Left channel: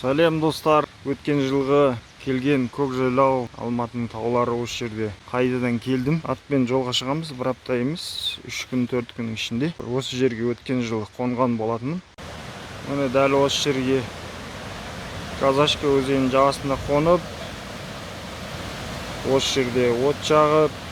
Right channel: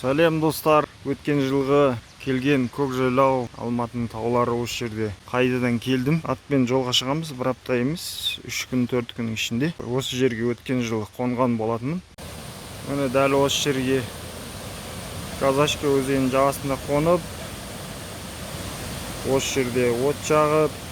Сәлем достар, өткен жылғы келген Көкжайлау Алматының таулары осы жерде. Қайтадан келдім. Атпен жолға шығамыз, бір апта емес, 3 күн 4 күннің ішінде. Осы жерге өткен жылы қонған болатынмын. Міне дәл осы жерге Казашка өзенінің жағасында қонып, осы жерде от жағып,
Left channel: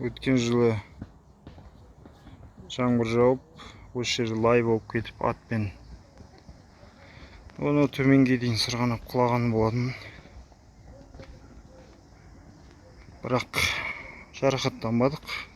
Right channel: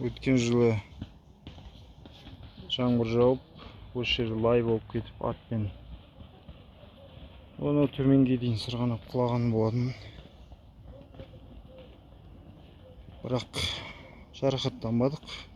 өткен жылы жаңбыр жауып, осы жерде лай болып кетіп атпен оны төменге дейін сырғанап құлаған болатын. Бірақ жарақаттанбадық.